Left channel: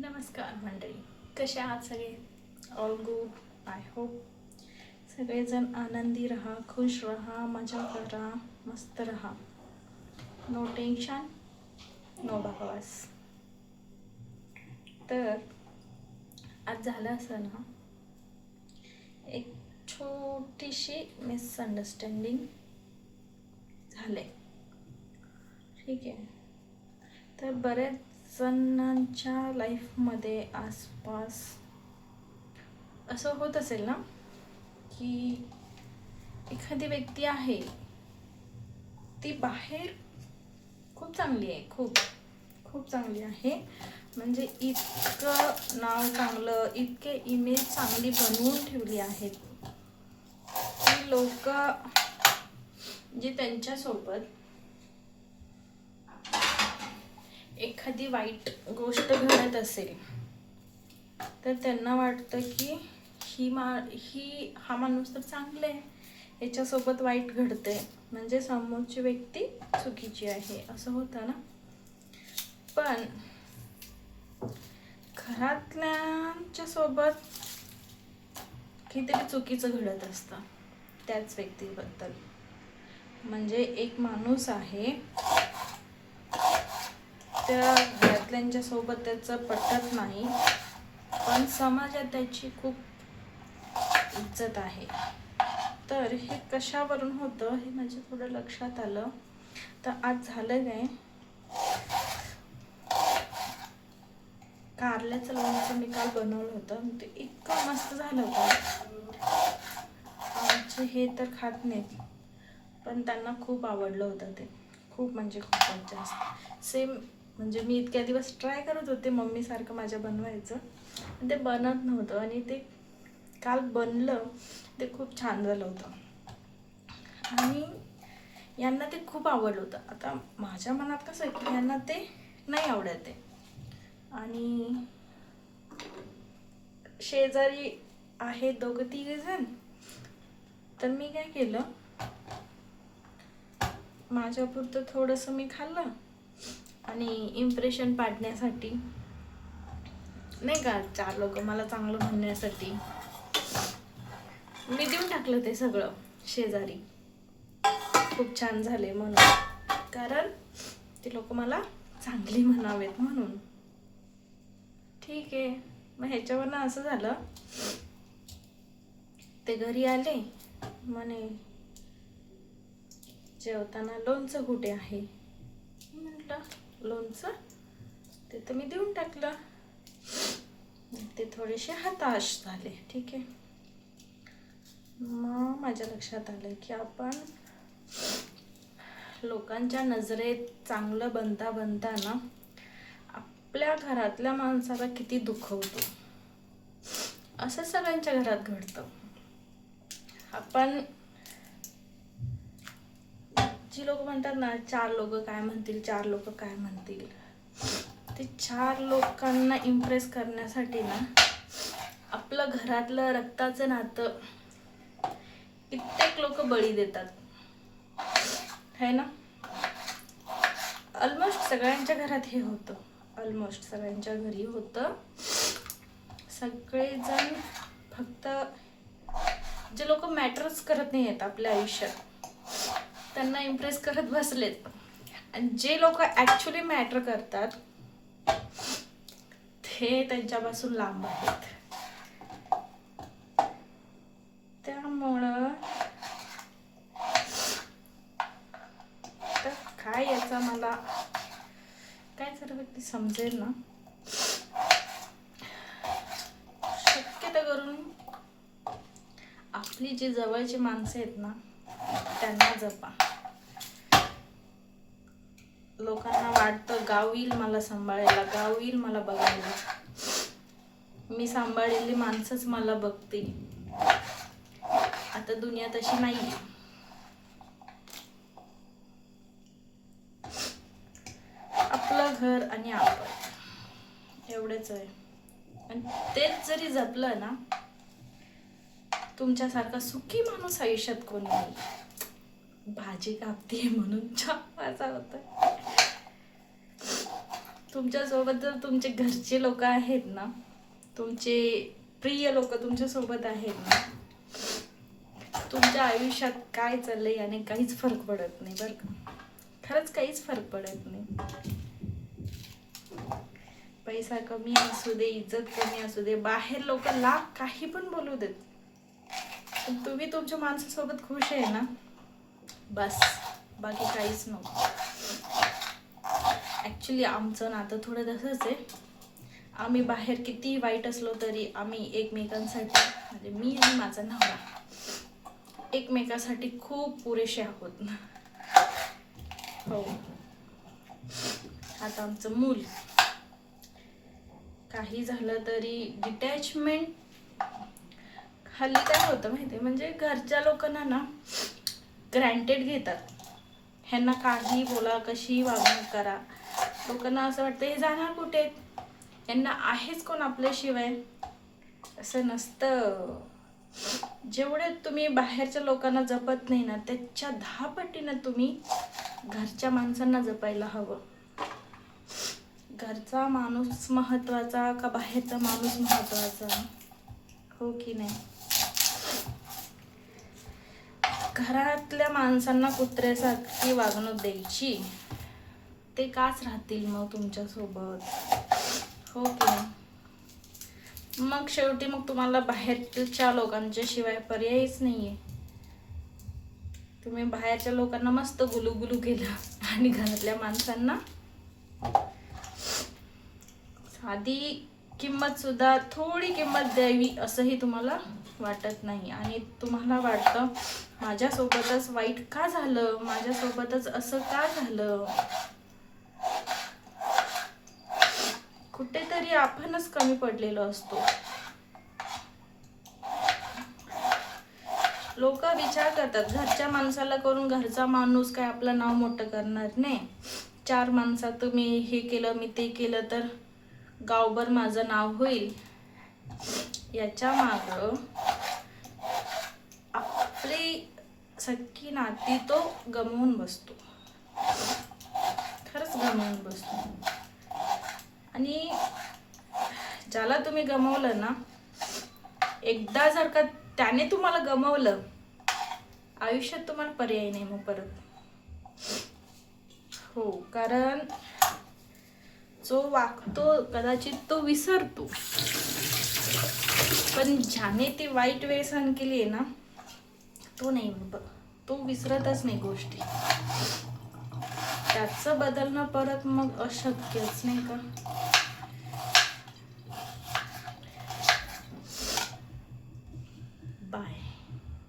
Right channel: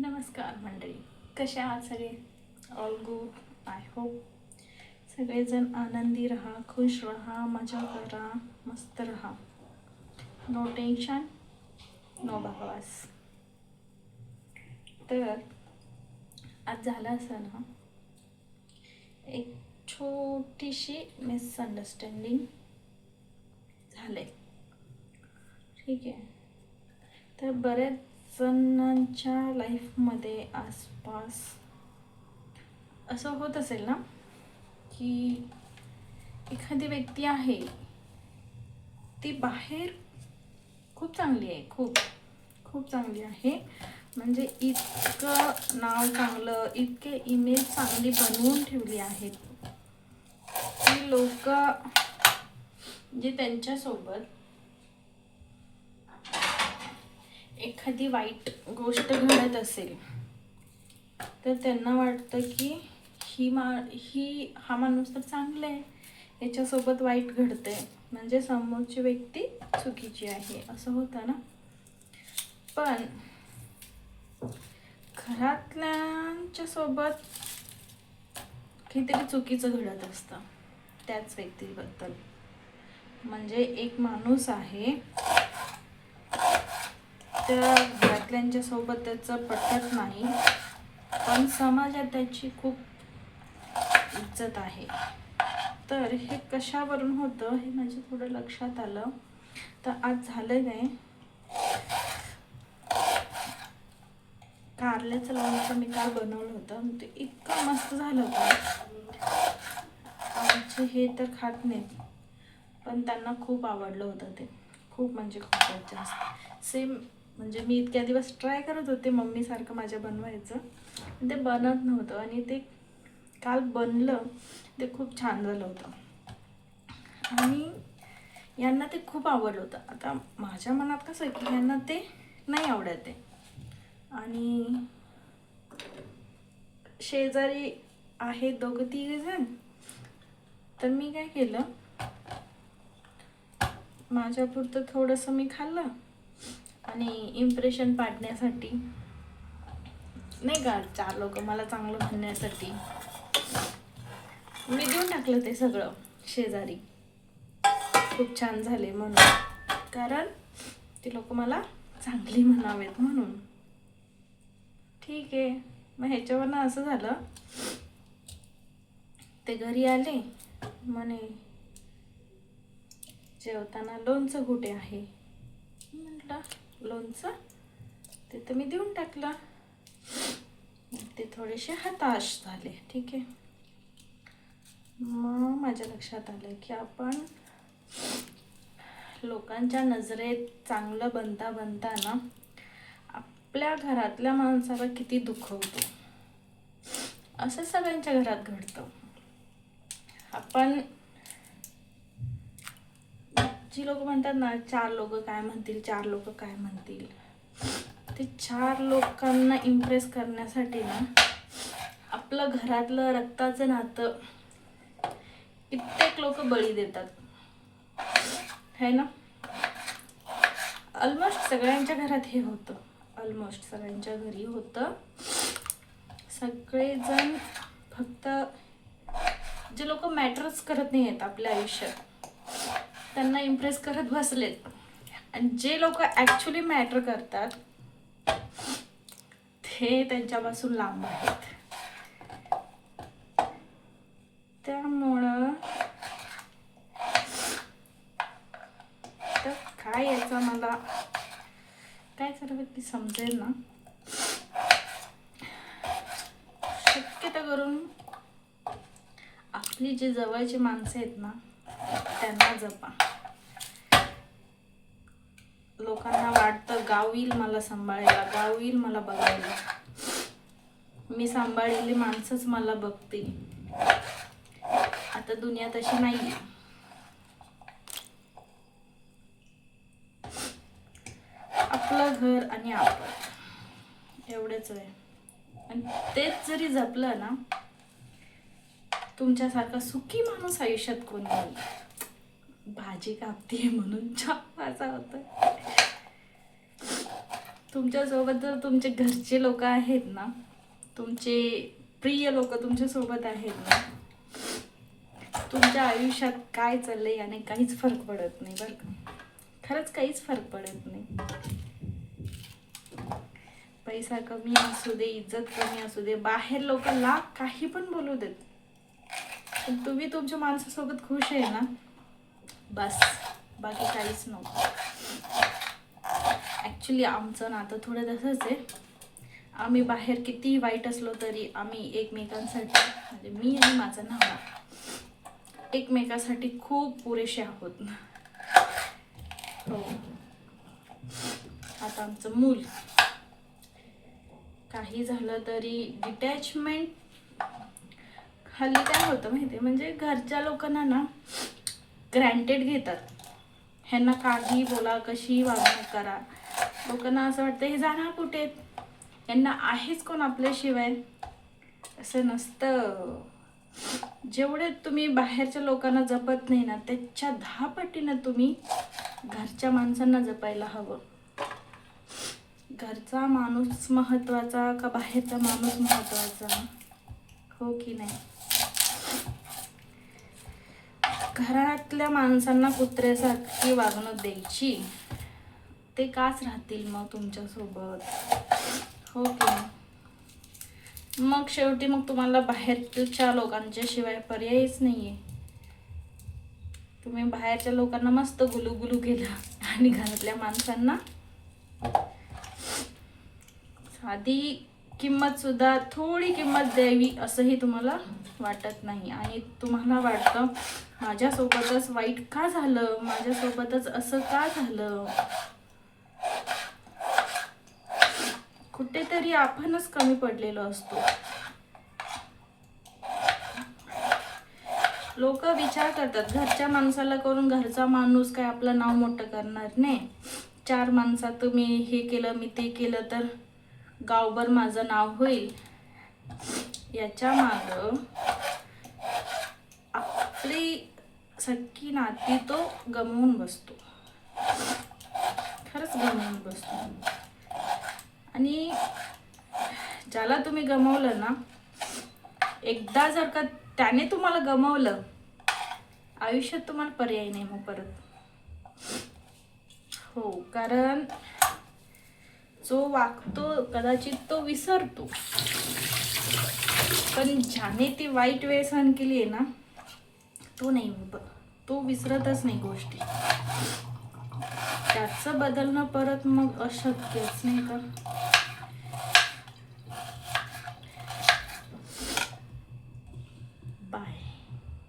नमस्कार मंडळी, कसे आहात सगळे? All good. आय होप सगळेजण आनंदी राहा, खुश राहा, मजा करा, मस्त राहा. नो टेन्शन, नो बकवास. तर आज झालं असं ना, एक छोटीशी मिसअंडरस्टँडिंग झाले. ठीक आहे. तर बरेच जणांच्या लाईफमध्ये आसपास असं होत असेल ना की एखादी व्यक्ती आहे, ती बाहेर खूप चांगली आहे, खूप खूप चांगली आहे. म्हणजे इतकं नाव चांगलं, इतके इमेज चांगली बनवून ठेवली आहेत की लोक जे त्यांच्यासोबत एखादी वाईट गोष्ट घडत असेल तर त्यांना वाटतं की हा माणूस तर चांगला आहे, याच्यासोबत वाईट घडते म्हणजे समोरची व्यक्ती चुकीची आहे, असं होतं ना. पण घरातल्यांच्या सोबत काहीतरी चुकीचं घडत असतं त्याच व्यक्तीबद्दल. म्हणजे एक माणूस आहे, त्या घरातल्यांच्या सोबत त्याचं पटत नाही, पण समाजात त्याची खूप इज्जत आहे. तर हे कशावरून होतं हे माझ्या थोडं लक्षात आलं. तर आज झालं काय, कारल्याचं लोणचं मी काल बनवलं होतं, ते इतकं मस्त झालं होतं. आमचे हे तर खात नाहीत, पण त्यांना खूप आवडलं होतं ते, खूप म्हणजे खूपच जास्त. सेम म्हणजे मी इतक्या दिवस ट्राय करत होते मम्मीसारखं माझ्या बनवायचं, पण ते बनत नव्हतं आणि ते काल बनलं, ते खूप छान झालं होतं आणि यांना ते खूप आवडलं होतं. आता माझ्या मनात कसं आहे की यांना ते नाही आवडत आहे. आणि शेजारी आहे दोघं तिघे जण, तर मी काय केलं, माझ्यापुरतं थोडंसं मी खाल्लं आणि इम्प्रेशन पाडण्यासाठी नाही का, 4 लोक मला चांगलं म्हणण्यासाठी मी देऊन टाकलं ते सगळं शेजारी. खूप छान झाले म्हणून, कारण ते लोक मला चांगली म्हणावेत म्हणून. ठीक आहे. मग ह्याच्यावरनं असं झालं, ते घरी आले, म्हणे जेवताना लोणचं कुठे आहे. म्हटलं लोणचं, ते तर मी देऊन टाकलं. ते थोडेसे हताश झाले. ठीक आहे. मग माझ्या लक्षात आलं की आपण लोकांच्या नजरेत चांगलं बनता बनता ना आपल्या घरातल्या माणसाला किती दुखवतो. असं सगळ्यांच्या घरात घडतं. आपण जी लोक म्हणतात ना, 4 लोक काय म्हणतील, 4 लोक काय म्हणतील, ते 4 लोकांना इम्प्रेस करण्यासाठी ना आपलं घरातलं रक्ताचं नातं कित्येक लोक बळी देतात, है ना. ऑलमोस्ट सगळ्यांच्या घरात हे होतं, ऑलमोस्ट सगळ्यांच्या घरी होतं. सगळेजण फक्त जे लोक मॅटरच करत नाही आहेत आपल्या आयुष्यात त्यांना इम्प्रेस करत बसलेत, आणि जे लोक ॲक्च्युली मॅटर करतात ते त्यांच्यापासून लांब आहेत. त्यामुळं तर काय याचा मला काय सर्व ती समजेल ना, शक्यतो करून आपली जी जवळची माणसं आहेत ना त्यांना जपा. लोकांना वाटतं गाव येईल मला सांभाळायला, गाव येईल मला बघायला, मी सांभाळलेली माणसंच मला बघतील. आता दुनिया तशी नाही. आपलं घर आणि आपण एवढेच आहे. आणि तेच जरी जपलं ना, तुमच्यासारखा सुखी माणूस आयुष्यात कोणी नाही. भाजी कापते म्हणून चहा वाजा होतं. तुमच्यासोबत जर तुमचे घरचे लोक आहेत ना, तुमचे प्रिय लोक तुमच्यासोबत आहेत ना, तुमच्या आयुष्यात काय चाललंय याने काहीच फरक पडत नाही बरं का. खरंच काहीच फरक पडत नाही. पैसा कमी असू दे, इज्जत कमी असू दे, बाहेर लोक लाख काही पण बोलू देत, पण तुम्ही तुमच्या माणसासोबत खुश आहे ना, बस, बाकी काहीच नको. ॲक्च्युली आमचं नातं थोडं तसंच आहे. आम्ही बाहेर किती वाईट असलो तरी आम्ही एकमेकांसाठी, म्हणजे मी आणि माझा नवरा एकमेकासाठी खूप पुरेसे आहोत ना. हो. आता आमचं मूल काही झालं तरी डिटॅचमेंट हल्ली काय होतं माहिती आहे, म्हणजे घरच्या लोकांना ना ग्रँटेड घेतात. ह्यांना काही बोला, कशी वागणूक करा, लोकांना असं वाटतं हे जाणार कुठे, यांना आहेच कोण आपल्याशिवाय. असं नसतं. जेवढे तुम्ही बाहेरच्या लोकांना जपत नाही ना, त्याच्या 10 पटीनं तुम्ही घरच्या माणसांना जपायला हवं. घरचा माणूस महत्वाचा का बाहेरचा माणूस महत्वाचा, हो की नाही. घरातल्या माणसांना कुत्र्यासारखी वागणूक द्यायची, ते काच राहतील मग तुमच्यासोबत, हो की नाही. मग शेवटी मग तुम्हाला बाहेरच्या लोकांच्या शिवाय पर्यायच नाहीये. तुम्ही बाहेरच्या लोकांना मस्त गुलुगुलू केलं आणि घरातल्या माणसांना साधी किंमत सुद्धा, थोडी किंमत द्यावी असंही तुम्हाला वाटत नाही. आणि तुम्हाला वाटतं माझ्यासोबतच वाईट का झालं, माझ्यासोबतच असं का झालं. कुठेतरी आपणच कमी पडलेलो असतो. लोक विचार करतात घरच्या माणसाला करून घरचा माणूस काय आपलं नाव मोठं करणार नाही. 4 माणसात मी हे केलं, मी ते केलं तर गावभर माझं नाव होईल. याच्या माग आपली सख्खी नाती तो गमवून बसतो, खरंच गमवून बसतो. आणि ज्याला तुम्ही गमवलं ना, एकदा जर का त्याने तुम्हाला गमवलं, आयुष्यात तुम्हाला पर्याय नाही मग परत. हो, कारण जो वागतो कदाचित तो विसरतो, पण ज्याने ती वाईट वेळ सहन केली आहे ना, तो नाही, तो विसरतच नाही गोष्टी. त्याचं बदलणं परत मग अशक्यच, नाही का. बाय.